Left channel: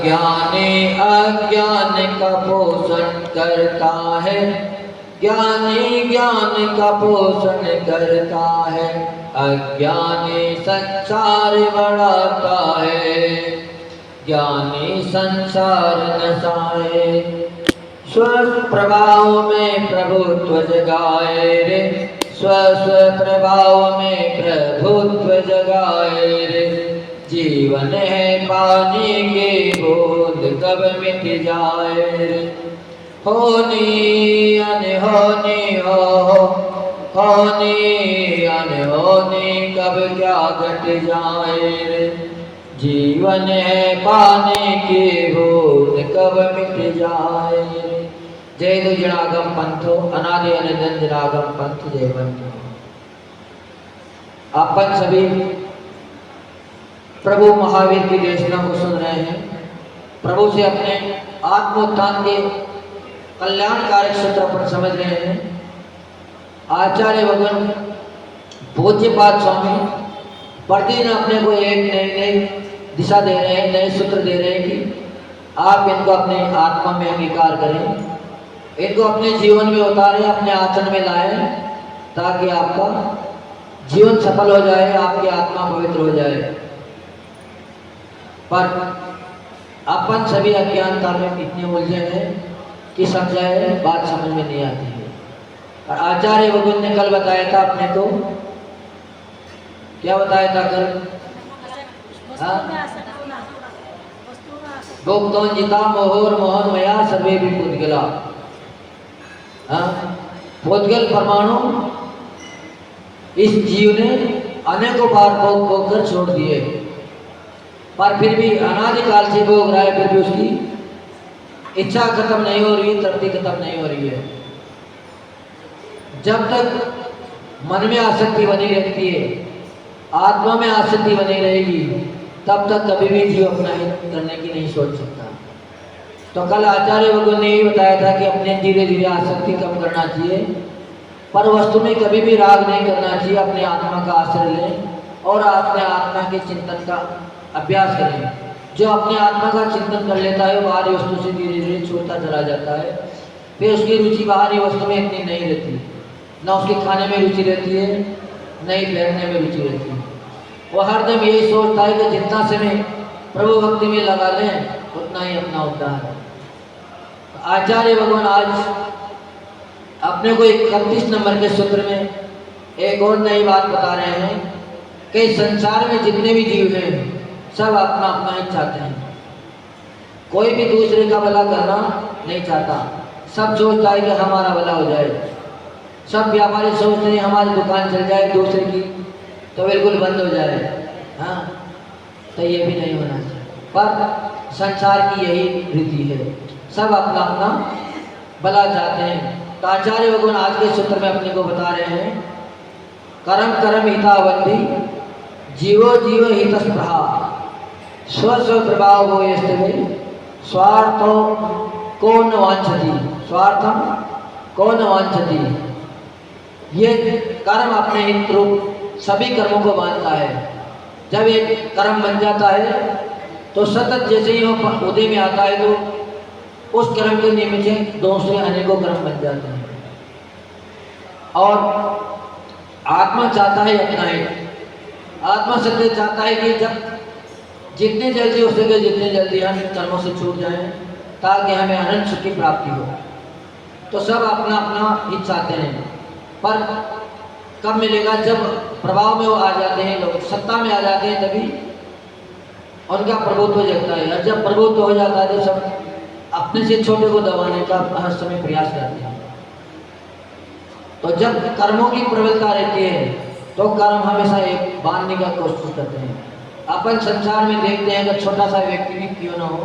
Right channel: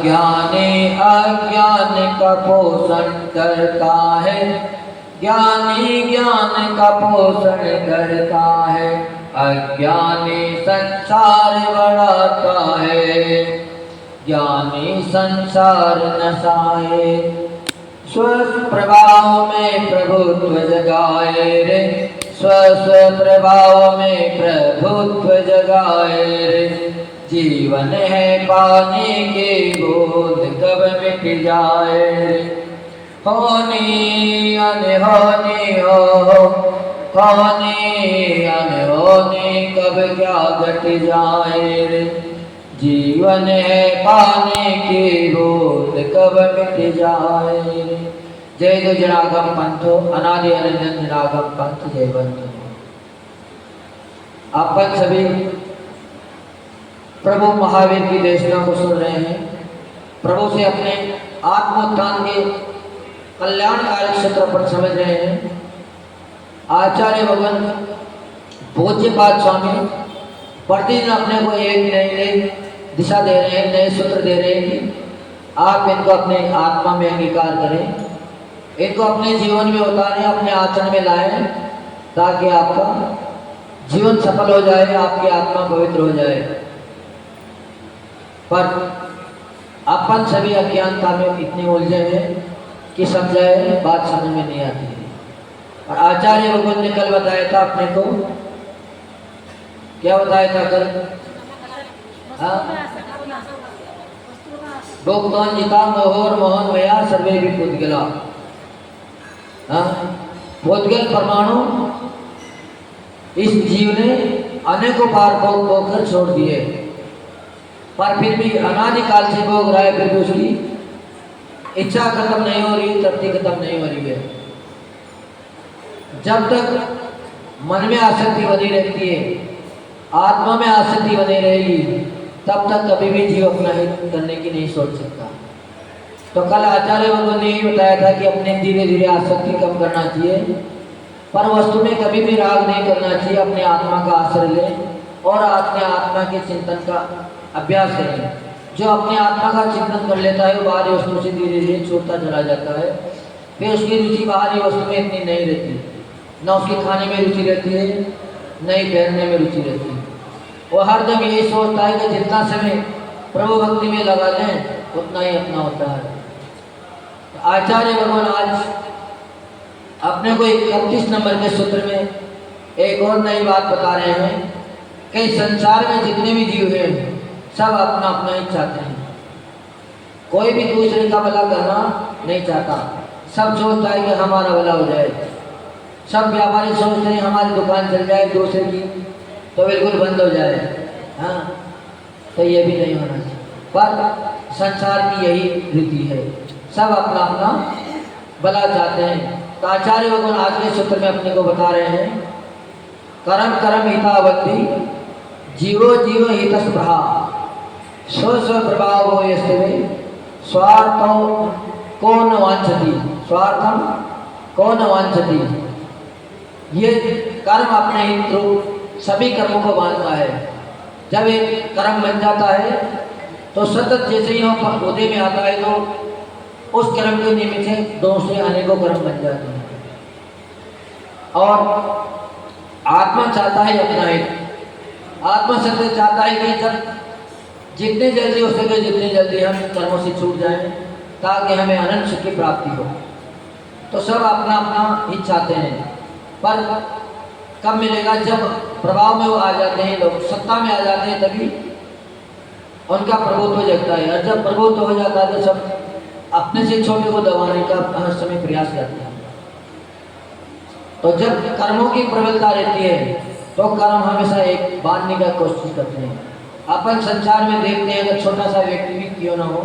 ज्ञानी अज्ञान का पोषण करता है, ज्ञानी ज्ञान का पोषण करता है, अज्ञानी संसार बढ़ाता है, ज्ञानी संसार नसाए। स्व प्रभाव में प्रभुत्व जगाए रे, स्व प्रभाव में प्रभुत्व जगाए रे। जीवन है पानी के बूंद कब मिट जाए, होनी अनहोनी हो, होनी अनहोनी कब क्या घट जाए। जीवन है पानी की बूंद कब मिट जाए। जय दो जनागम पंथो, अनादि अनंत जनागम पंथ जय बंधु। अपन सभी प्रभु महावीर की देशना को सुन रहे हैं। प्रभु से अपने आत्मोत्थान के कल्याणकारी क्षेत्र पर समझ रहे हैं। आचार्य भगवान पूज्यपाद स्वामी प्रतिदिन अपने को एक नई दिशा दे रहे हैं, नए सूत्र दे रहे हैं कि आप इनको अपने आत्मा में अंगीकार करें, इनको अपने जीवन में उतारें, अपने आचरण में लाएं, ताकि आपका जीवन सफल हो जाए, आपकी आत्मा पवित्र हो जाए। पर अपन सभी अज्ञानता में इतने उलझे हैं कि समझाए बात समझ में नहीं आती है। और आचार्य भगवान ने कल बताया था अपने को, क्या बताया था कल? भोक्तवान जिता मोहर मोहन मया सर्वे भी पुद्गला। पुद्गल परमाणु इस जीव ने अनेकों बार भोग कर छोड़ दिए, पर फिर भी अनादिकाल से भोग रहा है, फिर भी उसकी इच्छा खत्म नहीं हो रही, तृप्ति खत्म नहीं हो रही है। जब तक मन में आसक्ति बनी रहती है, आत्मा में आसक्ति बनी रहेगी, तब तक कभी भी जीव अपना हित करने की नहीं सोच सकता। तो कल आचार्य भगवान ने यही बताया था कि अपने धीरे धीरे आसक्ति कम करना चाहिए, पर वस्तु में कभी भी राग नहीं करना चाहिए। अपने आत्मा का आश्रय लें और अपने आत्मा के चिंतन का अभ्यास करें। जो अपने आत्मा का चिंतन कर लेता है, बाहरी वस्तु से धीरे धीरे छूटता चला जाता है। फिर उसकी रुचि बाहरी वस्तु में इतनी नहीं रहती, न उसके खाने में रुचि रहती है, न ही पहनने में रुचि रहती है। वो हरदम यही सोचता है कि जितना समय प्रभु भक्ति में लगा लें उतना ही अपना होता है। तो आचार्य भगवान आज अपने को 31 नंबर के सूत्र में एक और नई बात बता रहे हैं कि संसार में जितने भी जीव हैं सब अपना अपना ही चाहते हैं। कोई भी दूसरे का भला करना नहीं चाहता, सब सोचता है कि हमारा भला हो जाए। सब व्यापारी सोचते हैं हमारी दुकान चल जाए, दूसरे की तो बिल्कुल बंद हो जाए। हाँ, तो ये भी नहीं होना चाहिए। पर संसार की यही रीति है, सब अपना अपना भला चाहते हैं। तो आचार्य भगवान आज के सूत्र में अपने को बता रहे हैं, कर्म कर्म हितावंती जीवो जीव हितस्पृहा स्व स्व प्रभाव हो यस्ते स्वार्थो को न वांछति, स्वार्थम को न वांछति। ये कर्म अपने हित रूप सभी कर्मों को मानता है। जब एक कर्म बन जाता है तो सतत जैसे ही वो उदय में आता है तो उस कर्म के निमित्त से दूसरे अनेकों कर्म बन जाते हैं। और आत्मा चाहता है अपना हित। आत्मा सत्य चाहता है कि जब जितने जल्दी हो सके जितने जल्दी हम कर्मों से छूट जाएं, ताकि हमें अनंत सुख की प्राप्ति हो। तो सब अपना अपना हित चाहते हैं, पर कब मिलेगा? जब प्रभाव में वो आ जाते हैं, लोग सत्ता में आ जाते हैं, तभी उनका प्रभुत्व हो जाता है। और जब प्रभुत्व हो जाता है तो सब अपने से छोटे को दबाने का हर समय प्रयास करते हैं। तो जब कर्मों की प्रबलता रहती है तो कर्म हमेशा एक बांधने का कोशिश करते हैं। अपन संसार में देखते हैं, अगर छोटा सा व्यक्ति भी क्यों ना हो,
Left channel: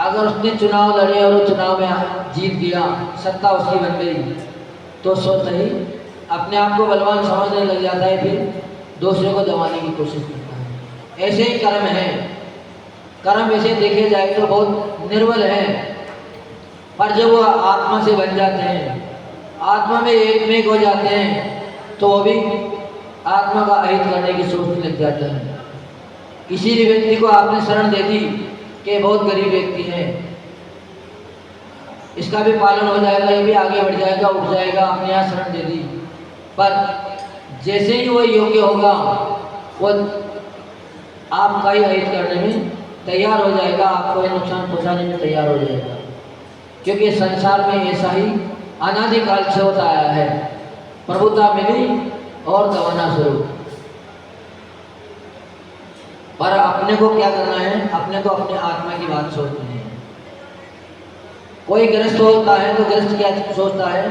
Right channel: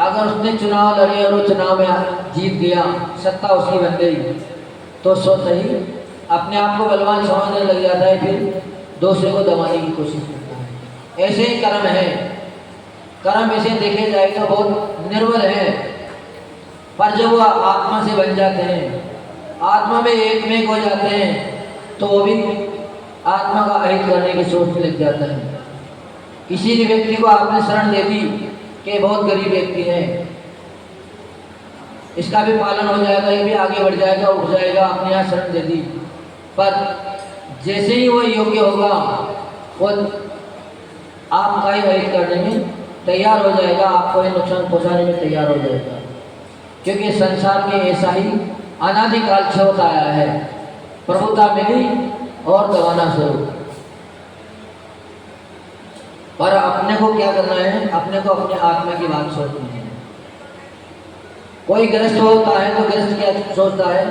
अगर उसने चुनाव लड़े और वो चुनाव में जीत गया, सत्ता उसकी बन गई, तो सोच ही अपने आप को बलवान समझने लग जाता है, फिर दूसरे को दबाने की कोशिश करता है। ऐसे ही कर्म है। कर्म ऐसे देखे जाए तो बहुत निर्बल है, पर जब वो आत्मा से बन जाते हैं, आत्मा में एक में हो जाते हैं, तो वो भी आत्मा का अहित करने की सोचने लग जाता है। किसी भी व्यक्ति को आपने शरण दे दी कि बहुत गरीब व्यक्ति हैं, इसका भी पालन हो जाएगा, ये भी आगे बढ़ जाएगा, उठ जाएगा, अपने यहाँ शरण दे दी। पर जैसे ही वो योग्य होगा वो आपका ही हित करने में तैयार हो जाएगा, आपको ये नुकसान पहुँचाने में तैयार हो जाएगा, क्योंकि संसार में ऐसा ही अनादिकाल से होता आया है। प्रभुता मिली और गवाना शुरू। पर अपने को क्या करना है, अपने को अपने आत्मा की बात सोचनी है। कोई गृहस्थ होता है तो गृहस्थ क्या सोचता है,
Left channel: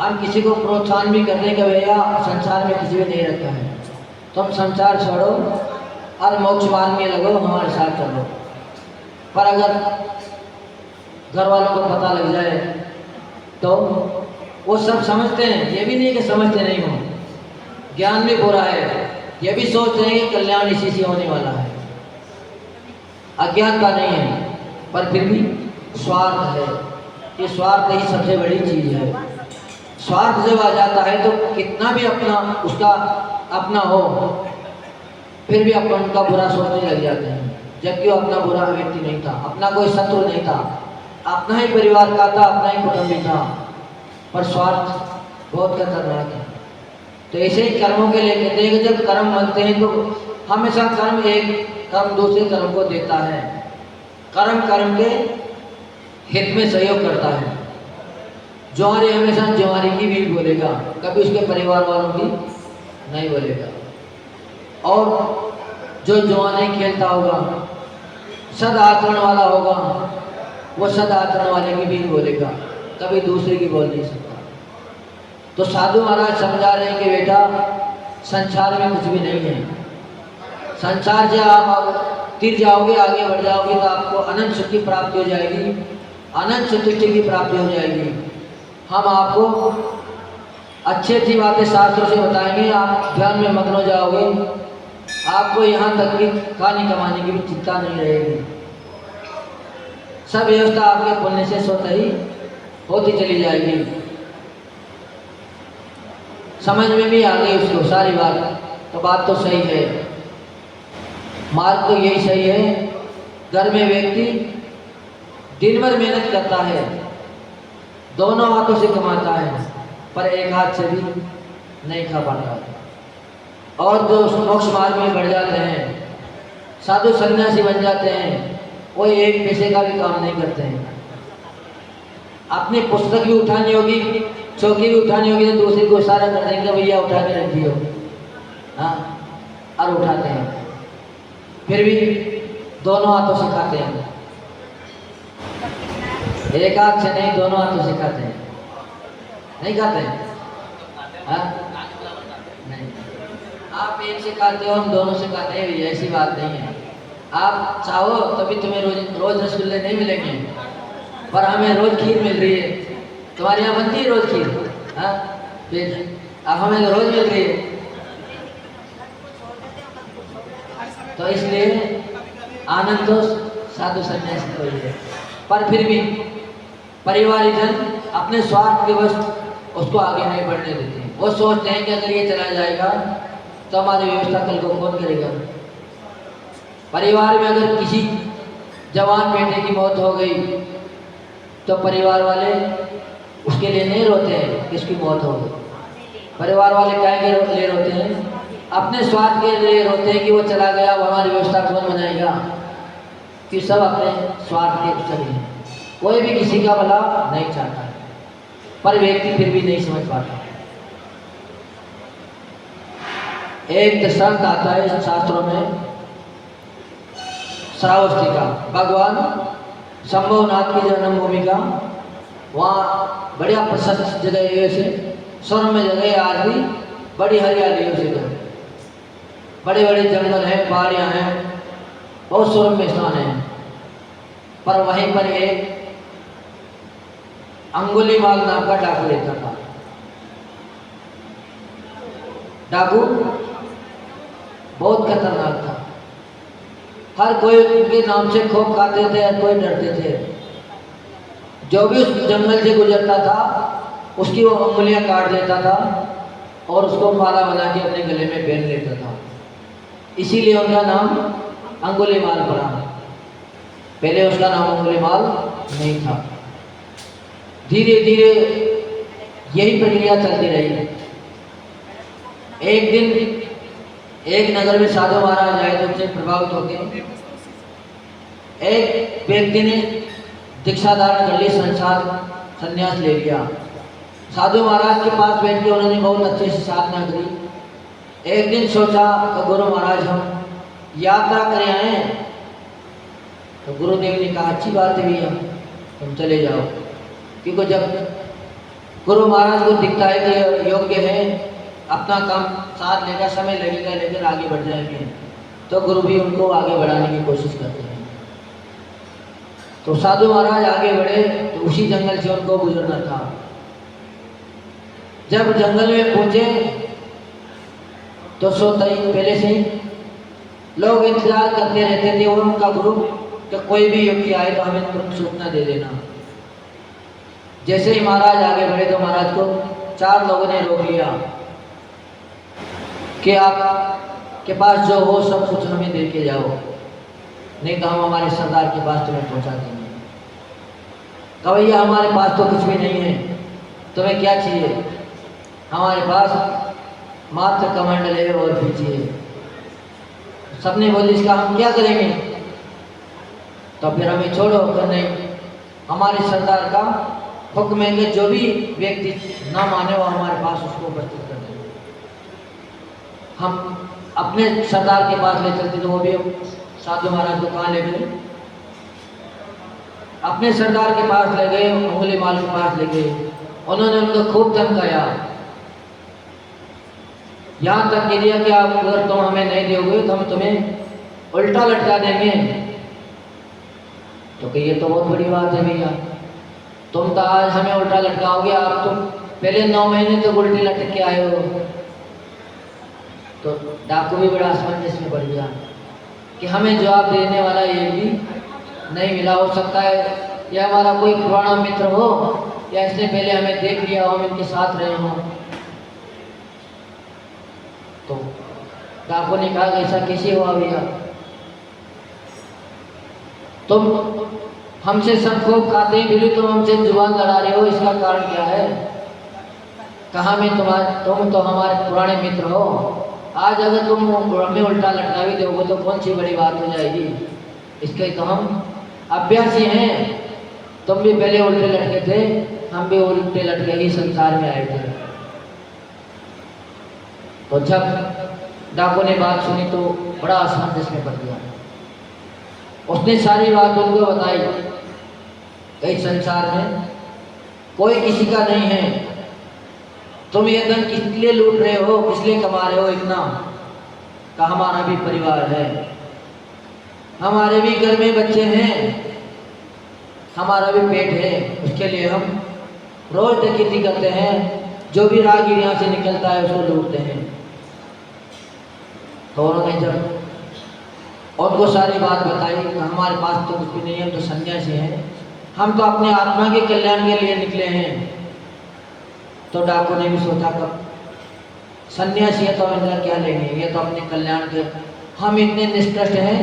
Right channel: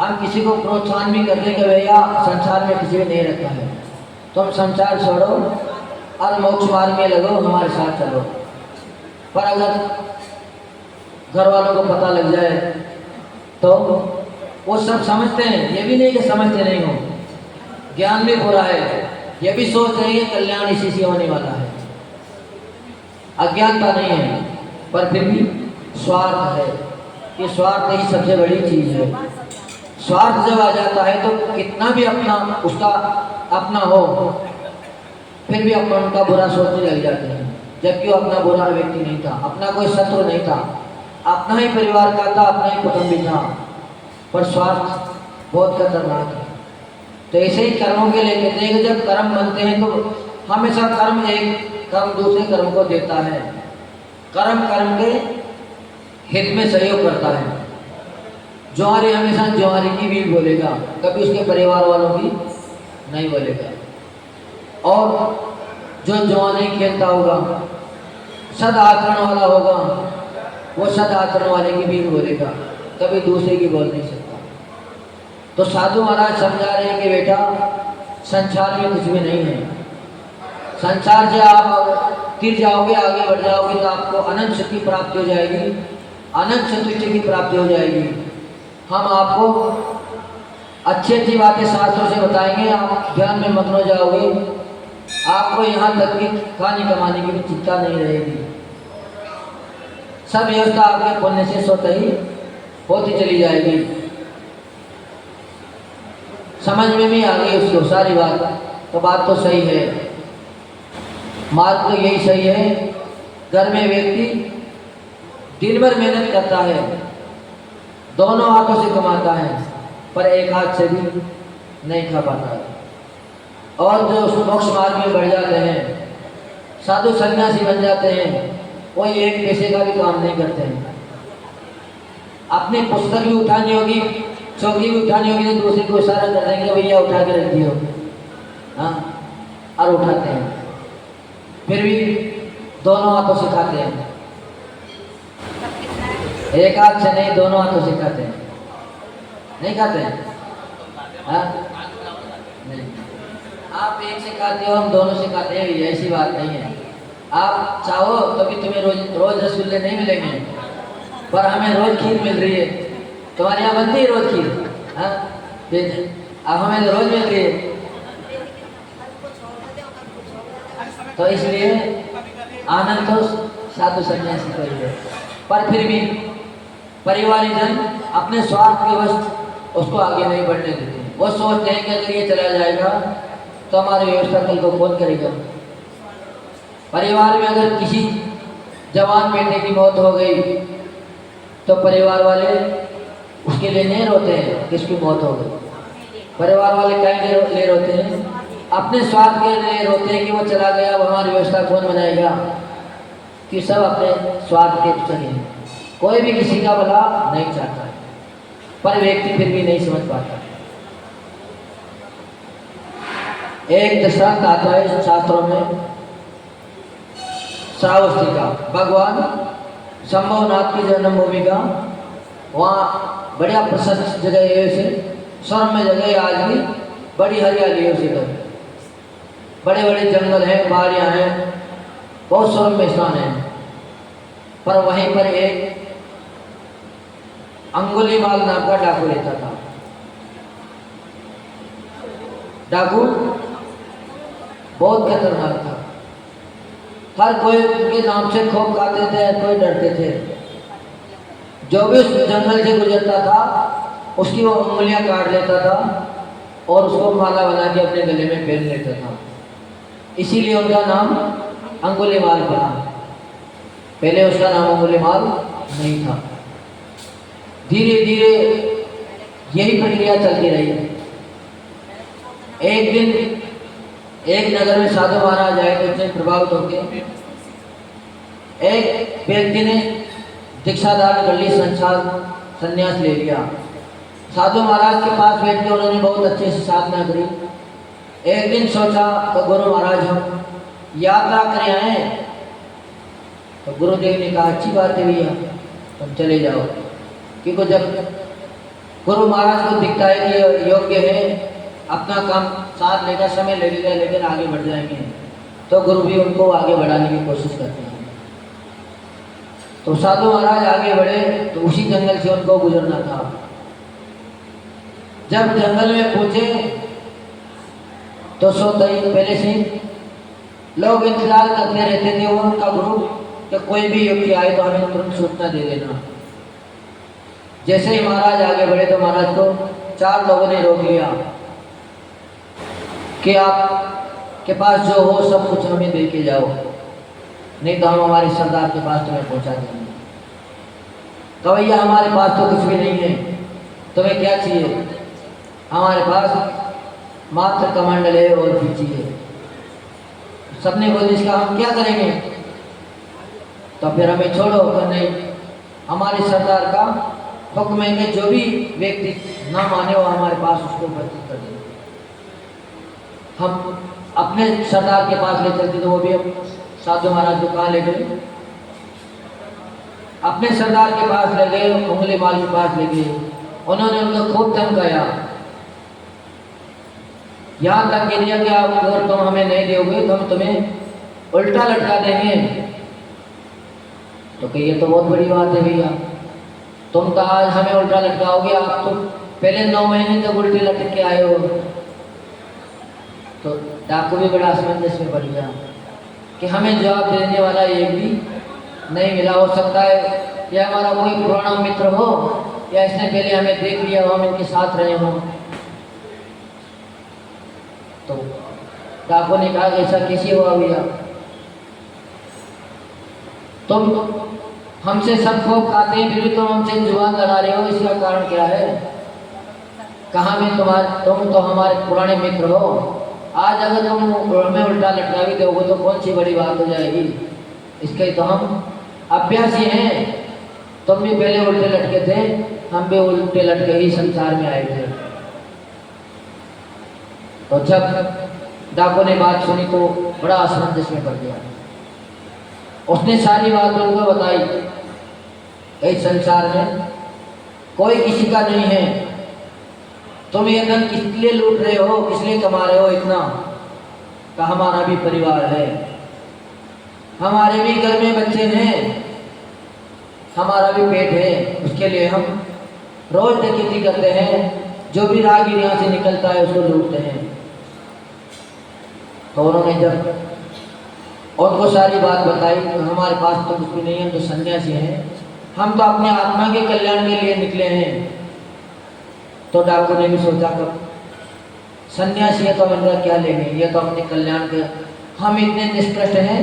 हम किसी को प्रोत्साहन भी करने का भैया संसार में किसी को नहीं रखा है, तुम संसार छोड़ो और मोक्ष मार्ग में लगो, हमारे साथ चलो। पर अगर घर वालों को पता लग जाए तो वो सब समझते हैं, ये भी नहीं कि समझते नहीं हो, ज्ञान भी पूरा है, ये भी सोच रहे हैं कि कल्याण इसी से होने वाला है, अज्ञानता नहीं है, पर फिर भी स्वार्थ है। ये स्वार्थ ही सबसे बड़ी चीज है। स्वार्थ जब आ जाता है तो कितना भी अपना उसका अपना हो, फिर भी अपन उनका बुरा सोचने लग जाते हैं, जबकि वो अपना बुरा व्यक्ति नहीं था, अपना कोई शत्रु नहीं था, अपना ही परिवार का था, अपना ही कुटुंबी था, पर स्वार्थ बहुत खतरनाक है। तो ऐसे ही कर्मों के लिए कहते हैं कि जब कर्म बनते हैं तो हमेशा कर्म एक कर्म दूसरे कर्म को देता है, कर्म कर्म के हित में सहयोग करता है। ज्वारी हमेशा ज्वारी की भी बोलेगा, कभी उसके परिवार वालों की नहीं बोलेगा। और जो जुआ नहीं खेलता होगा, सद आचरण वाला होगा, वो सद आचरण वाले की भी बोलेगा, कभी दूसरे की बोल नहीं सकता। तो साधु महाराज समझा रहे हैं कि बेटा संसार में कुछ भी नहीं है, संसार से आप तिर जाओगे, आगे बढ़ जाओगे तो आपको अनंत सुख की प्राप्ति हो जाएगी, अनंत संतुष्टि की प्राप्ति हो जाएगी। हम आपको अच्छी अच्छी बातें शास्त्रों से बताएंगे, आप ज्ञान में मग्न हो जाओगे, आपको यहाँ तक की खाने कमाने की भी चिंता नहीं रहेगी, सब व्यवस्था आपके पुण्य से स्वतः ही होती चली जाएगी। समझ में भी आ गई उसको सारी बात, तो बात तो सही है, मार्ग तो यही सही है। घर में व्यक्ति दिन भर मेहनत करता है, दोनों हाथों से कमाता है, पर एक हाथ से भी नहीं खा पाता है। और जो मोक्ष मार्ग में बढ़ जाते हैं, साधु सन्यासी बन जाते हैं, वो एक पैसे का भी काम नहीं करते हैं। अपनी पुस्तक भी उठानी होगी, चौकी भी उठानी होगी, तो दूसरे को इशारा कर देंगे भैया उठा के रख दियो, हाँ, और उठाते हैं, फिर भी दोनों हाथों से खाते हैं, एक हाथ से नहीं, दोनों हाथों से खाते हैं, नहीं खाते हैं, हाँ नहीं। आप एक से खाते हो, हम दोनों से खाते हैं, ऐसी बात नहीं है। आप चाहो तो भी तुम्हें रोज रसगुल्ले नहीं मिलेंगे, पर हमें रोज खीर मिल रही है। तुम्हारे यहाँ बनती है रोज खीर, हाँ, अब हमें तो रोज मिल रही है। तो इसलिए आनंद तो साधु सन्यासी को ही है, पर फिर भी परिवारजन अपने स्वार्थ के वश उसको आगे नहीं बढ़ने देते। वो सोचते हैं कि अगर ये चला जाएगा तो हमारी व्यवस्था कल को कौन करेगा। परिवार में अगर किसी जवान बेटे की मौत हो गई तो परिवार वाले उसके लिए नहीं रोते हैं कि इसकी मौत हो गई, परिवार वाले क्या के लिए रोते हैं, अपने स्वार्थ के लिए रोते हैं कि वो चला गया, अब हमारी व्यवस्था कौन बनाएगा, कि सब अपने स्वार्थ के चले हैं। कोई भी किसी का भला नहीं चाहता है, पर व्यक्ति फिर भी नहीं समझ पाता। एक दृष्टांत आता है शास्त्रों में, श्रावस्ती का, भगवान शंभुनाथ की जन्मभूमि का, वहाँ बढ़िया प्रशस्त जगह है, उसे स्वर्ग में जगह है, आज भी बड़ी हरियाली है उसी तरह, बड़े बड़े जंगल हैं, पहाड़ियाँ हैं, बहुत स्वर्ग में स्थान है। पर वहीं पर एक अंगुलीमाल नाम का डाकू रहता था। डाकू बहुत खतरनाक था, हर कोई उनके नाम से खूब खाते थे, हर कोई डरते थे। जो भी उस जंगल से गुजरता था उसकी वो उंगलियां काट लेता था और उसको माला बना के अपने गले में पहन लेता था, इसीलिए उनका नाम अंगुलीमाल पड़ा। पहले उसका नाम अंगुलीमाल नहीं था। धीरे धीरे यही प्रक्रिया चलती रही। एक दिन एक नगर में साधु महाराज आए तो उनसे प्रभावित होकर एक व्यक्ति ने दीक्षा धारण कर ली, संन्यास ले लिया। साधु महाराज के पास बैठ के उन्होंने बहुत अच्छे से साधना करी। एक दिन सोचा तो गुरु महाराज हम यात्रा करें आए, तो गुरुदेव ने कहा अच्छी बात है भैया, तुम चले जाओ। क्योंकि जब गुरु महाराज को दिखता है कि योग्य है, अपना काम साथ लेकर समय लगेगा लेकिन आगे बढ़ जाएंगे, तो गुरु भी उनको आगे बढ़ाने की कोशिश करते हैं। तो साधु महाराज आगे बढ़े तो उसी जंगल से उनको गुजरना था। जब जंगल में पहुंचे तो सोते ही पहले से लोग इंतजार करते रहते थे वो उनका गुरु कि कोई भी व्यक्ति आए तो हमें तुरंत सूचना दे देना। जैसे ही महाराज आगे बढ़े तो महाराज को 4 लोगों ने रोक लिया कि आप के पास जो हो सब कुछ हमें दे के जाओ, नहीं तो हम हमारे सरदार के पास तुम्हें पहुंचा देंगे। तो भैया हमारे पास तो कुछ भी नहीं है, तुम्हें क्या चाहिए? हमारे पास मात्र कमंडल है और फिर चाहिए। सबने बोले इसका हम क्या करेंगे? तो फिर हमें छोड़ो। तो नहीं, हमारे सरदार का हुक्म है कि जो भी व्यक्ति ना माने वो हमारे पास उसको उपस्थित कर दे। हम अपने सरदार के पास ले चलते तो वो भी हम साधु महाराज को कहाँ ले गए? अपने सरदार के पास ले गए, अंगुलीमाल के पास ले गए। उन्होंने उनको खूब धमकाया, यहाँ तक कह दिया कि आप अगर तुम हमें नहीं दोगे तो हम तुम्हें उल्टा लटका देंगे। तो कहिए तो बहुत बड़ी बात है भैया, तुम तो आज हमें उल्टा लटकाओगे, आप तो पहले 9 महीने तक उल्टे लटक के आए हो। तो डाकू भी बड़ा असमंजस में पड़ गया कि हमें जवाब देने वाला एक भी नहीं मिला। हो सकता है यह हमारा कोई पुराना मित्र हो या इसने पहले हमें देख लिया हो, हम इनके साथ रहे हों। तो डाकू ने कहा ऐसा कैसे हुआ भैया? तुम हमसे सब खूब खाते हैं फिर भी तुम हमसे जुबान लड़ा रहे हो, इसका कारण क्या है? कहा में तुम तो हमारे पुराने मित्र हो, आज अगर तुम हमें उल्टा लटका भी दोगे तो कौन सी बड़ी बात हो जाएगी? इसके तो हम अभ्यासी हैं। तुम भी पहले उल्टे लटके थे, हम भी उल्टे लटके ही संसार में आए थे। तो जब डाकू ने बात सुनी तो बड़ा असमंजस में पड़ गया। उसने सारी बात उनको बताई, इस संसार में कोई किसी का नहीं है, तुम ये धन किस लिए लूट रहे हो, किस लिए कमा रहे हो इतना? का हमारा भी परिवार है, हमारे भी घर में बच्चे हैं, हमारा भी पेट है, उसके लिए हम रोज डकैती करते हैं, जो भी राहगीर यहाँ से निकलता है उसको लूटते हैं। तो उन्होंने जब उनको सारी बात बताई कि हमारे पास तो कुछ भी नहीं है, हम तो सन्यासी हैं, हम तो अपनी आत्मा के कल्याण के लिए निकले हैं। तो डाकू ने भी सोचा कब सन्यासी है तो इनका क्या लेंगे, ये तो अपने कल्याण के, हम इतने निष्कष्ट हैं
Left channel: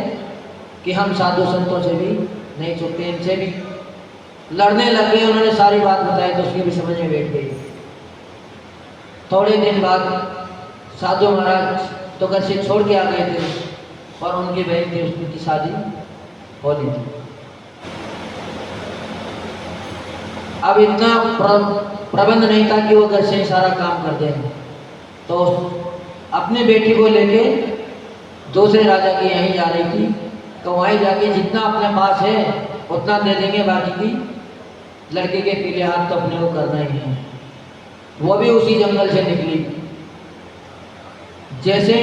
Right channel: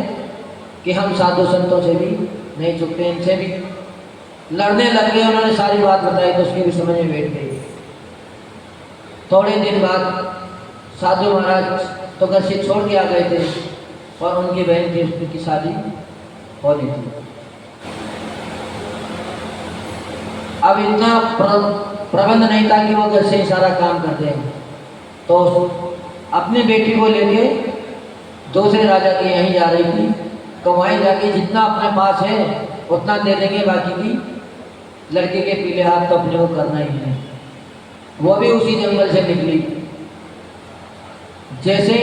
कि हम साधु संतों से भी नहीं चुकते, इनसे भी लड़ने लगे। उन्होंने सारी बात बताई तो उसकी भी समझ में बैठ गई। थोड़े दिन बाद साधु महाराज तो घर से छोड़ के आ गए थे और उनकी बहन थी, उसकी शादी हो रही थी। अब इतना प्रबंध नहीं था कि वो घर से सारा काम करते हैं, तो अपनी बेटी को लेके दूसरे राजा के यहीं जा रही थी। तो वहीं जाके जितना अपने पास है उतना दे देंगे, बाकी की लड़के के पीले हाथ तो अपने को करना ही है। वो भी उसी जंगल से निकली। जैसे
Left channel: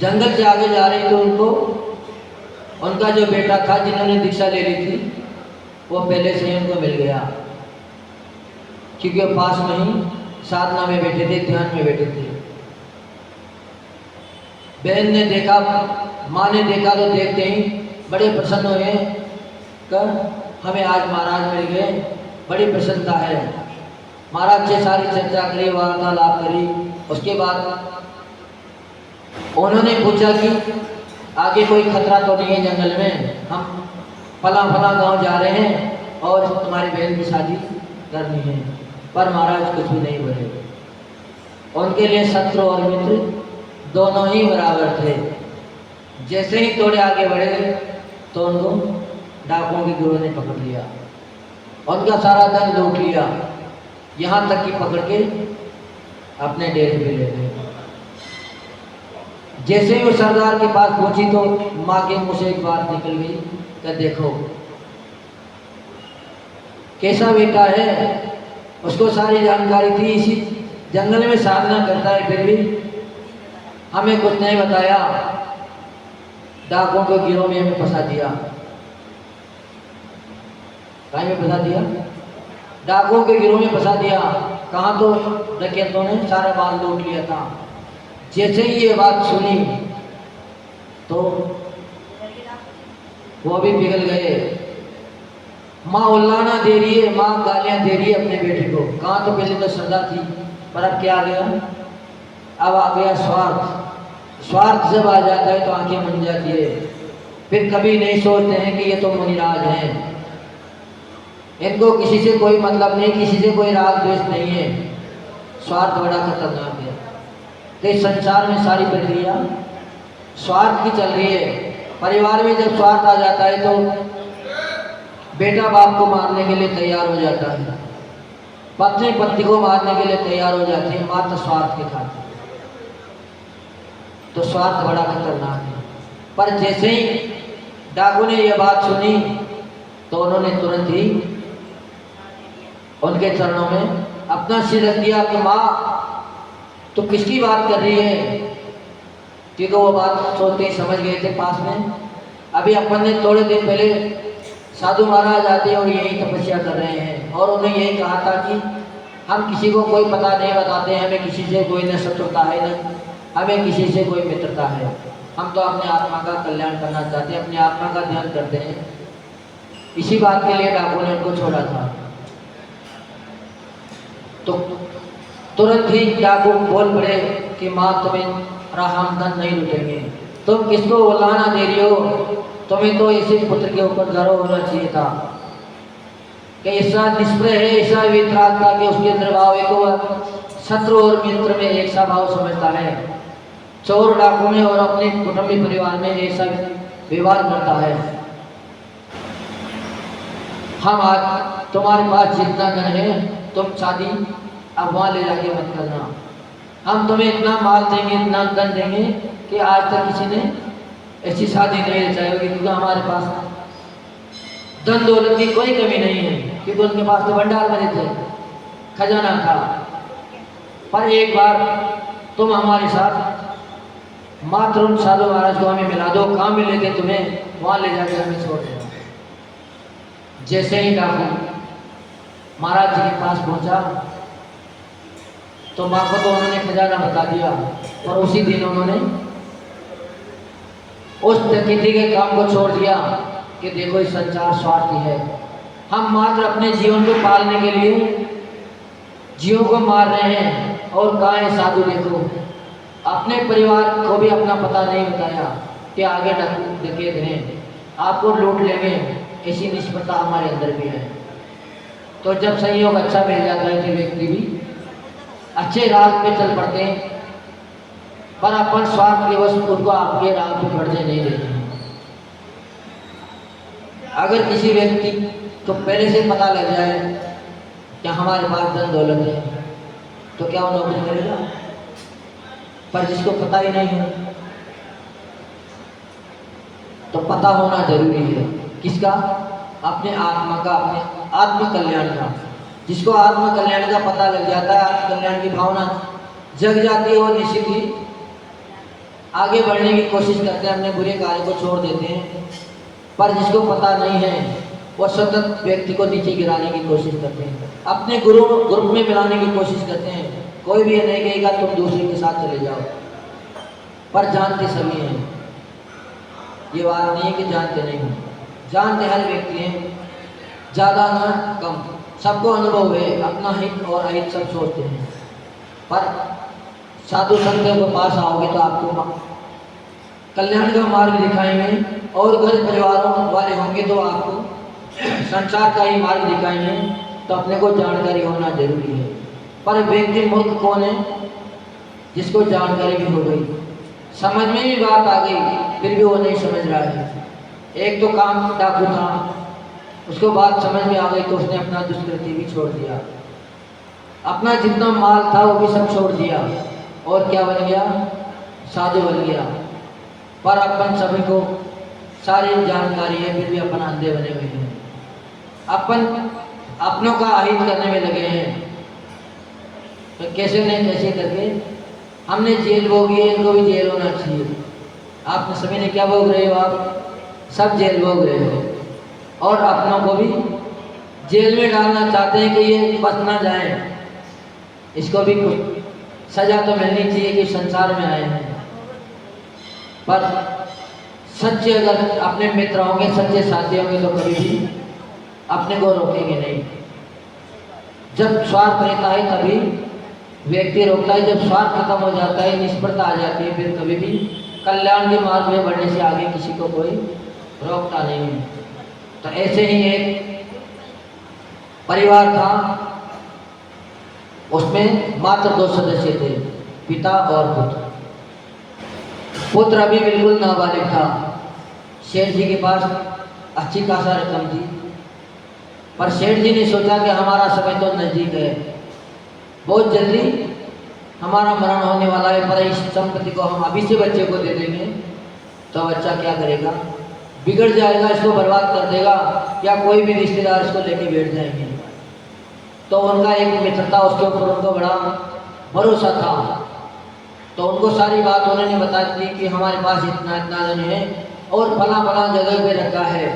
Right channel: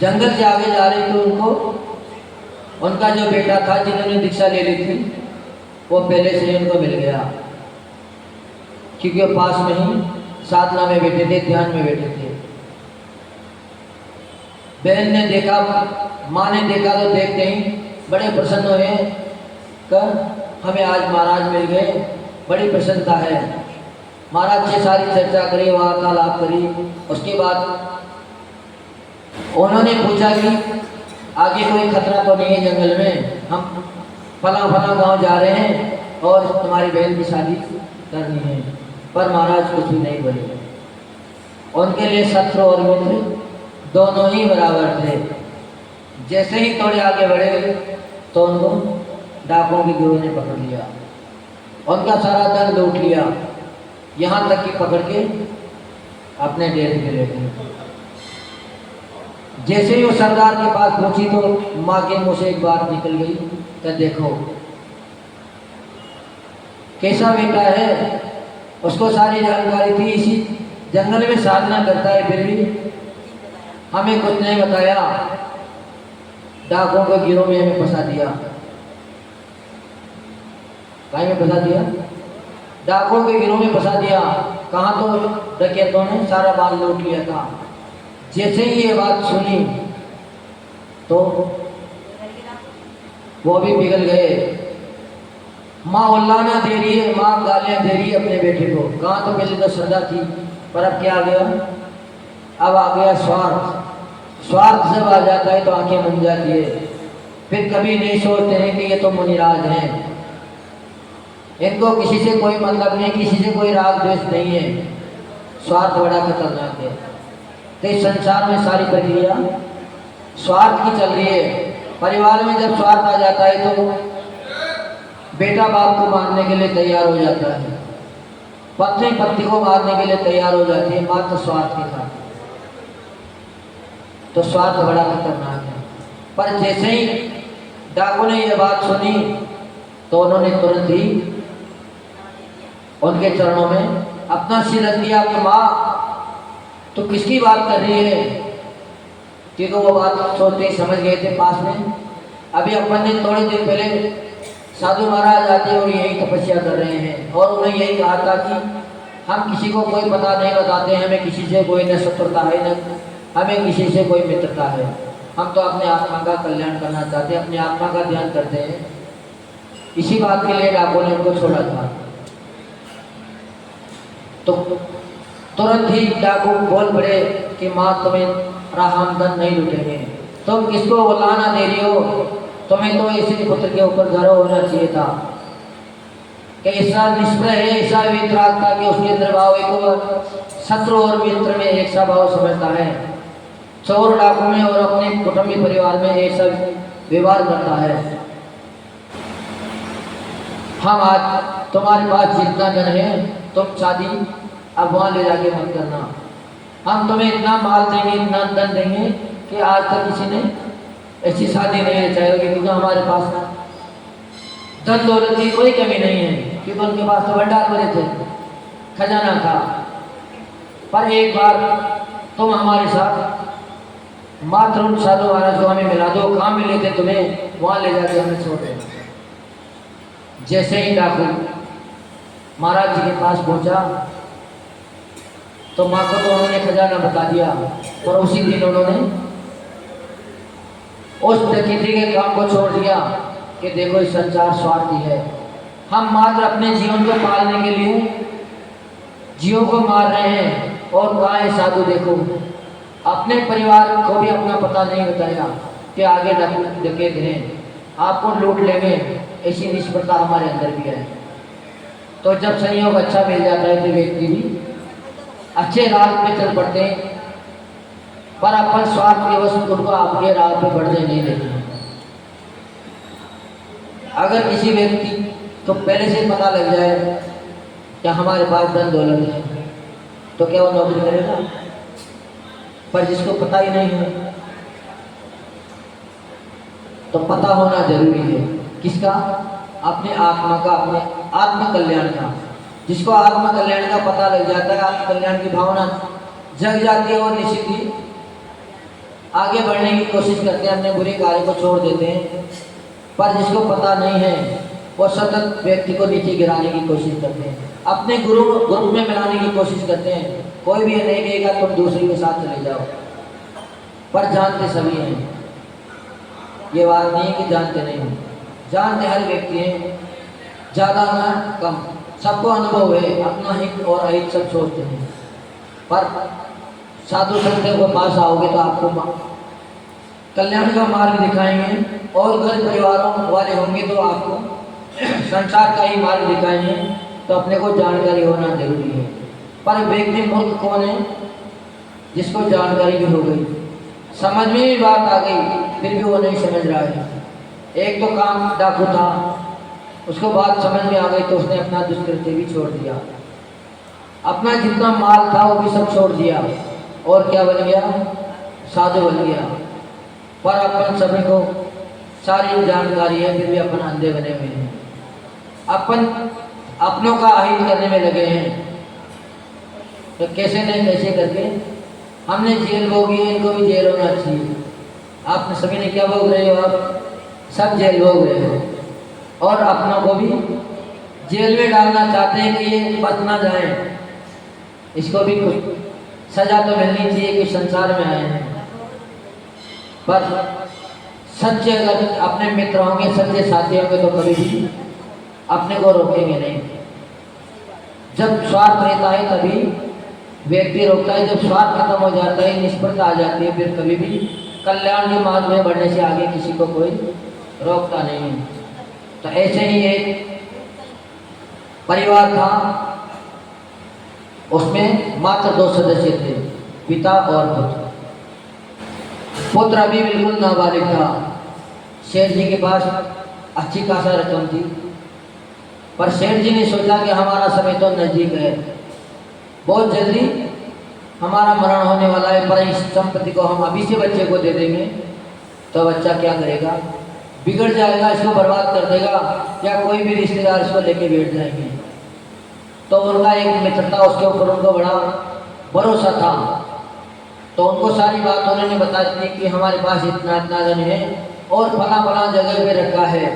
जंगल से आगे जा रही तो उनका जो बेटा था जिन्होंने दीक्षा ले ली थी वो पहले से ही उनको मिल गया, क्योंकि वो पास में ही साधना में बैठे थे, ध्यान में बैठे थे। बहन ने देखा, माँ ने देखा तो देखते ही बड़े प्रसन्न हुए कर हमें आज महाराज मिल गए, बड़ी प्रसन्नता है। महाराज से सारी चर्चा करी, वार्तालाप करी। उसके बाद उन्होंने पूछा कि आगे कोई खतरा तो नहीं है जंगल में, हम फला फला गांव जा रहे हैं और तुम्हारी बहन की शादी करनी है। पर महाराज कुछ भी नहीं बोले। उनके लिए शत्रु और मित्र दोनों ही बराबर थे। जैसे ही थोड़े आगे बढ़े तो उनको डाकुओं के गुरु ने पकड़ लिया, उनका सारा धन लूट लिया, यहाँ तक कि पकड़ के अपने डेरे पे ले गए। जैसे ही वो सरदार के पास पहुंची तो माँ के मुंह से एक बात निकल गई कि देखो कैसा बेटा है, उसको सारी जानकारी थी, इसी जंगल में साधना करता है, फिर भी हमें कुछ नहीं बताया, डाकुओं के गिरोह में हमें फंसा दिया। कहीं में फंसा दिया? डाकुओं के गिरोह में फंसा दिया। कहाँ तो डकैतों ने सारा माल लूट लिया था। जैसे ही ये बात सुनी तो वो भी पिघल गए। माँ उल्लाना दे रही है, माँ गालियाँ दे रही है अपने बेटे को। कहाँ तो पहले तो श्रद्धा थी, पर अब क्या आ गया? अब आ गया स्वार्थ। स्वार्थ जब आ जाता है तो आंखें बन जाती है। फिर कभी नहीं सोचते हैं कि ये तो मुनिराज हैं, इनको किसी से कोई मतलब नहीं, किसी से कोई राग द्वेष नहीं है। स्वार्थ बड़ा खतरनाक है। तो इस संसार में सारी प्रक्रिया स्वार्थ की चल रही है। परिवार में जब स्वार्थ आ जाता है तो बेटा बाप को मारने के लिए तैयार हो जाता है, पत्नी पति को मारने के लिए तैयार हो जाती है, मात्र स्वार्थ के खातिर। तो स्वार्थ बड़ा खतरनाक है। पर जैसे ही डाकू ने यह बात सुनी तो उन्होंने तुरंत ही उनके चरणों में अपना सिर रख दिया कि माँ तो किसकी बात कर रही है? कि तो वो बात सोचते ही समझ गए थे पास में। अभी अपन ने थोड़े दिन पहले साधु महाराज आते और यही तपस्या कर रहे हैं और उन्हें यही कहा था कि हम किसी को कोई पता नहीं बताते, हमें किसी से कोई न शत्रुता है न हमें किसी से कोई मित्रता है। हम तो अपने आत्मा का कल्याण करना चाहते हैं, अपनी आत्मा का ध्यान करते हैं। इसी बात के लिए डाकू ने उनको छोड़ा था। तो तुरंत ही डाकू बोल पड़े कि माँ तुम्हें हम धन नहीं लूटेंगे, तुम किसको उल्लाना दे रही हो? तुम्हें तो इसी पुत्र के ऊपर गर्व होना चाहिए था कि ऐसा निष्प्रह है, ऐसा वितराग था कि उसके अंदर भाव एक शत्रु और मित्र में एक सा भाव समझता है। चोर डाकू में और अपने कुटुंबी परिवार में एक सा व्यवहार करता है। हम आज तुम्हारे पास जितना धन है तुम शादी अब वहाँ ले जाके मत करना, हम तुम्हें इतना माल देंगे, इतना धन देंगे कि आज तक किसी ने ऐसी शादी नहीं रचाई होगी, क्योंकि हमारे पास धन दौलत की कोई कमी नहीं है, क्योंकि उनके पास तो भंडार भरे थे, खजाना था। पर एक बार तुम हमारे साथ मात्र उन साधु महाराज को हमें मिला दो, काम में लेते तुम्हें वहाँ ले जाके हमें छोड़ दो। जैसे ही डाकू महाराज जी के पास पहुंचा तो माँ को तो उन्होंने खजाना बता दिया, और उसी दिन उन्होंने उस डकैती के काम को छोड़ दिया कि देखो इस संसार स्वार्थी है, हम मात्र अपने जीवन को पालने के लिए जीवों को मार रहे हैं। और कहाँ है साधु? देखो अपने परिवार को भी अपना पता नहीं बताया कि आगे डकैत हैं, आपको लूट लेंगे, ऐसी निष्प्रता हमारे अंदर भी है। तो जब संयोग अच्छा मिल जाता है तो व्यक्ति भी अच्छे राह पे चल पड़ते हैं, पर अपन स्वार्थ के वश उनको आपके राह पे बढ़ने नहीं देते। अगर किसी व्यक्ति तो पहले से पता लग जाए कि हमारे पास धन दौलत है तो क्या वो नौकरी करेगा? पर जिसको पता ही नहीं है तो पता होना जरूरी है। किसका? अपने आत्मा का, अपने आत्म कल्याण का। जिसको आत्म कल्याण का पता लग जाता है, आत्म कल्याण की भावना जग जाती है, और निश्चित ही आगे बढ़ने की कोशिश करते हैं, अपने बुरे कार्य को छोड़ देते हैं। पर जिसको पता नहीं है वो सतत व्यक्ति को नीचे गिराने की कोशिश करते हैं, अपने ग्रुप में मिलाने की कोशिश करते हैं। कोई भी नहीं कहेगा तुम दूसरे के साथ चले जाओ, पर जानते सभी हैं। ये बात नहीं है कि जानते नहीं हो, जानते हर व्यक्ति हैं, ज़्यादा ना कम, सबको अनुभव है, अपना हित और अहित सब सोचते हैं। पर साधु संतों के पास आओगे तो आपको कल्याण का मार्ग दिखाएंगे, और घर परिवारों वाले होंगे तो आपको संसार का ही मार्ग दिखाएंगे। तो अपने को जानकारी होना जरूरी है। पर व्यक्ति मूर्ख कौन है? जिसको जानकारी भी हो गई, समझ में भी बात आ गई, फिर भी वो नहीं समझ रहा है। एक तो काम डाकू था, उसको बात समझ में आ गई तो उसने अपना दुष्कृत्य भी छोड़ दिया, अपना जितना माल था वो भी सब छोड़ दिया, और क्या बन गया? साधु बन गया। पर अपन सभी को सारी जानकारी है, फिर भी अपन अंधे बने हुए हैं। अपन अपनों का अहित करने में लगे हैं। तो कैसे न कैसे करके हमने जेल भोगी, इनको भी जेल होना चाहिए। आप सभी ने क्या भोग रहे हो? आप सब जेल भोग रहे हो, और अपनों को भी जेल में डालना चाहते हैं कि ये बच ना जाए। इसको भी कुछ सजा तो मिलनी चाहिए कि संसार में आए हैं। पर सच्चे अगर अपने मित्र होंगे, सच्चे साथी होंगे तो कभी भी अपने को रोकेंगे नहीं। जब स्वार्थ रहता है तभी व्यक्ति रोकता है, जब स्वार्थ खत्म हो जाता है, निष्फलता आ जाती है, फिर कभी भी कल्याण के मार्ग में बढ़ने से आगे किसी को कोई रोकता नहीं है। तो ऐसे ही एक परिवार था, उसमें मात्र 2 सदस्य थे, पिता और पुत्र। पुत्र अभी बिल्कुल नाबालिग था। सेठ जी के पास अच्छी खासा रकम थी, पर सेठ जी ने सोचा कि हमारा समय तो नजदीक है, बहुत जल्दी हमारा मरण होने वाला है, पर इस संपत्ति को हम अभी से बच्चे को दे देंगे तो बच्चा क्या करेगा? बिगड़ जाएगा, इसको बर्बाद कर देगा, या कोई भी रिश्तेदार इसको लेके बैठ जाएंगे। तो उनका एक मित्र था, उसके ऊपर उनको बड़ा भरोसा था। तो उनको सारी बात उन्होंने बता दी कि हमारे पास इतना इतना धन है और फला फला जगह पे रखा है।